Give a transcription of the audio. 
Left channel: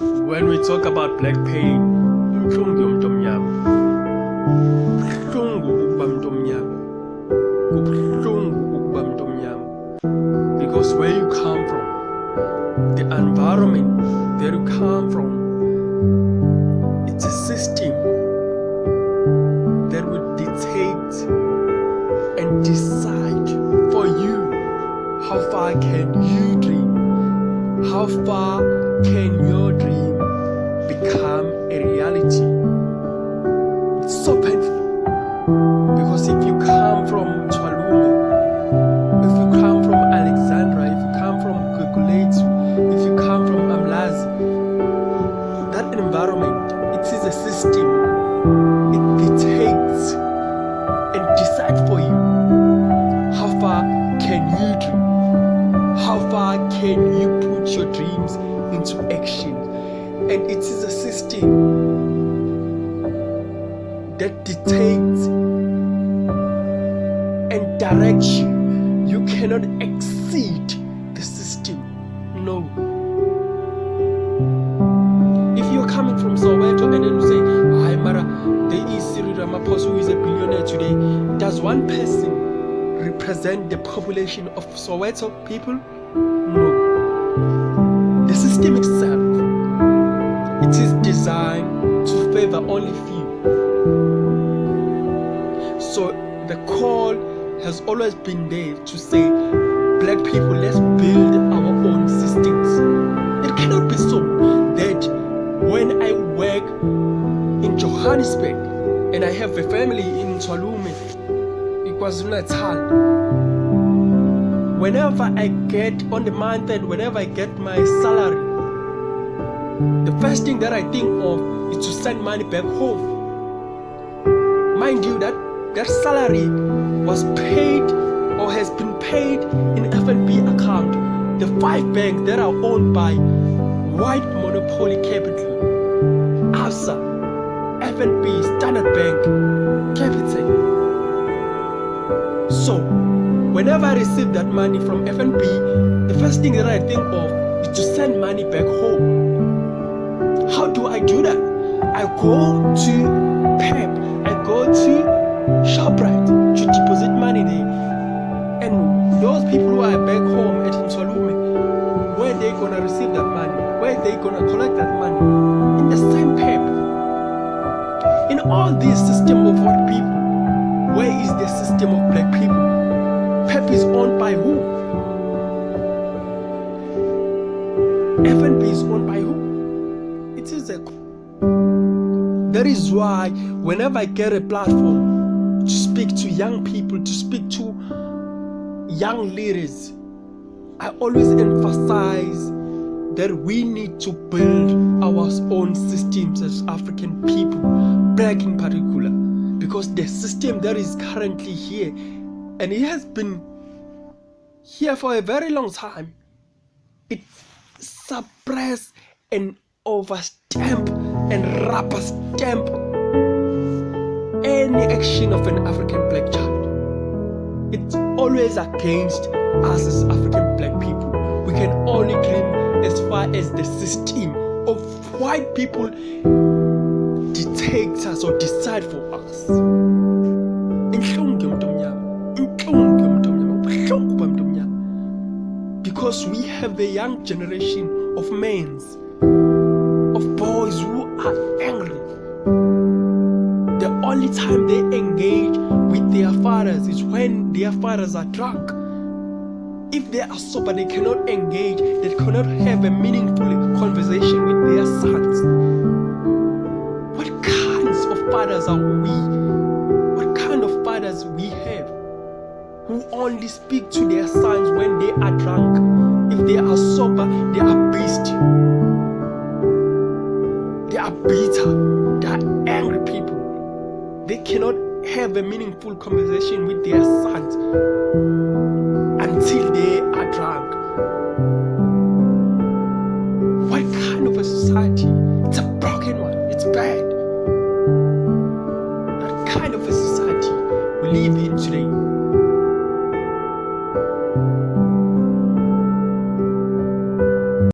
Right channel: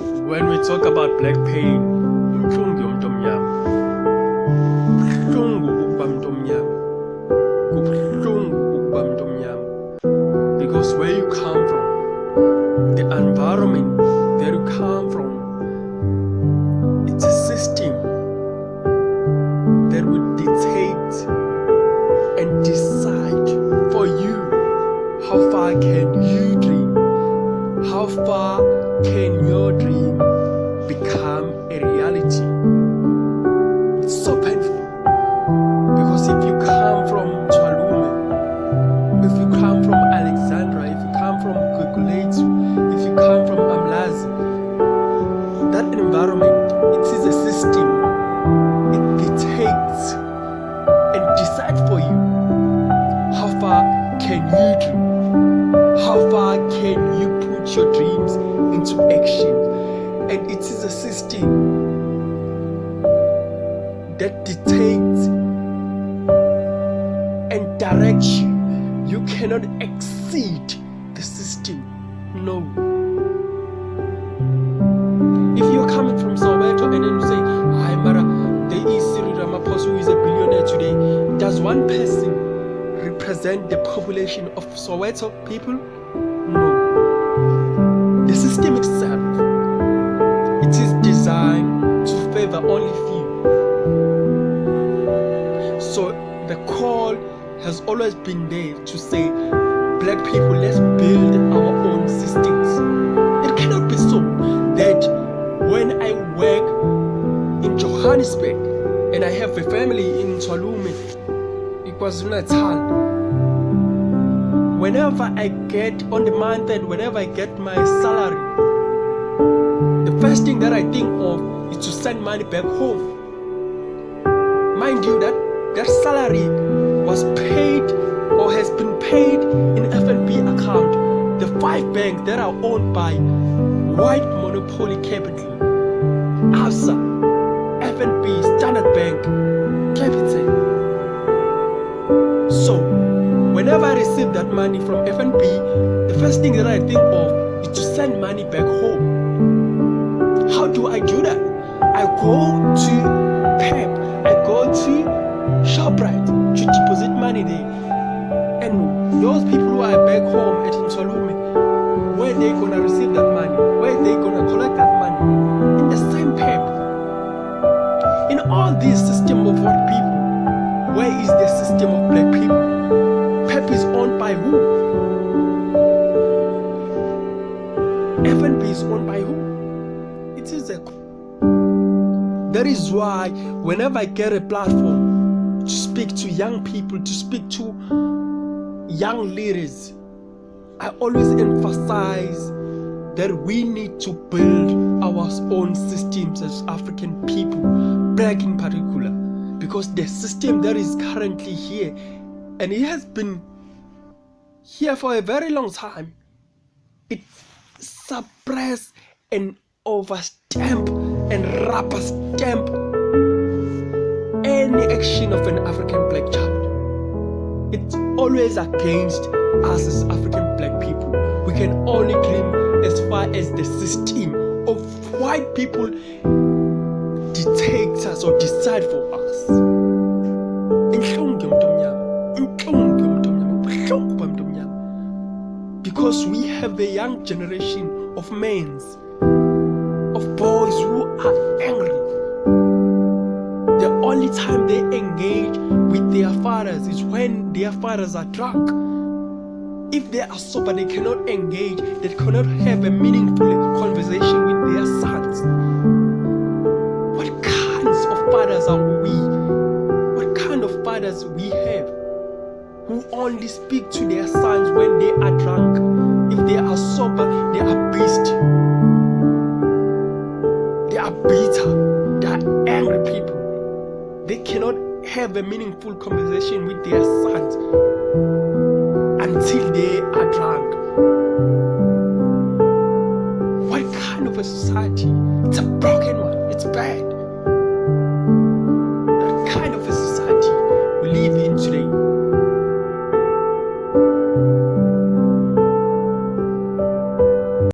When we talk about black pain, buhlungu yomuntu omnyama. Buhlungu ukuba umuntu omnyama. Kubuhlungu ukuba umuntu omnyama. Because where you come from, the environment that you come from, it's a system that will dictate and decide for you how far can you dream, how far can your dream become a reality. It's so painful because if you come from Twalume, if you come from Alexandra, if you come from Guguletu, if you come from Amlazi, that environment, it is a system. It dictates and decides for you how far can you dream, how far can you put your dreams into action. And it is a system that dictates and directs you. You cannot exceed the system. No. If you're coming from Soweto and then you say, "Hi, Mara, there is Cyril Ramaphosa who is a billionaire today." Does one person represent the population of Soweto people? No. The system itself, it is designed to favor only few. So the call has always been there to say, black people, let's build our own systems. It cannot be so that when I work in Johannesburg and I have a family in Twalume, KwaZulu-Natal, whenever I get on the month and whenever I get my salary, the first thing that I think of is to send money back home. Mind you, that salary was paid or has been paid in FNB account, the 5 banks that are owned by white monopoly capital, ABSA, FNB, Standard Bank, Capitec. So, whenever I receive that money from FNB, the first thing that I think of is to send money back home. How do I do that? I go to PEP, I go to ShopRite to deposit money there. And those people who are back home at Twalume, where they gonna receive that money? Where they gonna collect that money? In the same PEP. In all this system of white people, where is the system of black people? PEP is owned by who? FNB is owned by who? It is a... That is why whenever I get a platform to speak to young people, to speak to young leaders, I always emphasize that we need to build our own systems as African people, black in particular, because the system that is currently here, and it has been here for a very long time, it suppress and overstamp and rubber stamp any action of an African black child. It's always against us as African black people. We can only dream as far as the system of white people dictates us or decide for us. Because we have a young generation of men, of boys who are angry. The only time they engage with their fathers is when their fathers are drunk. If they are sober, they cannot engage, they cannot have a meaningful conversation with their sons. What kinds of fathers are we? What kind of fathers we have who only speak to their sons when they are drunk? If they are sober, they are beasts. They are bitter. They are angry people. They cannot have a meaningful conversation with their sons until they are drunk. What kind of a society? It's a broken one. It's bad. That kind of a society we live in today.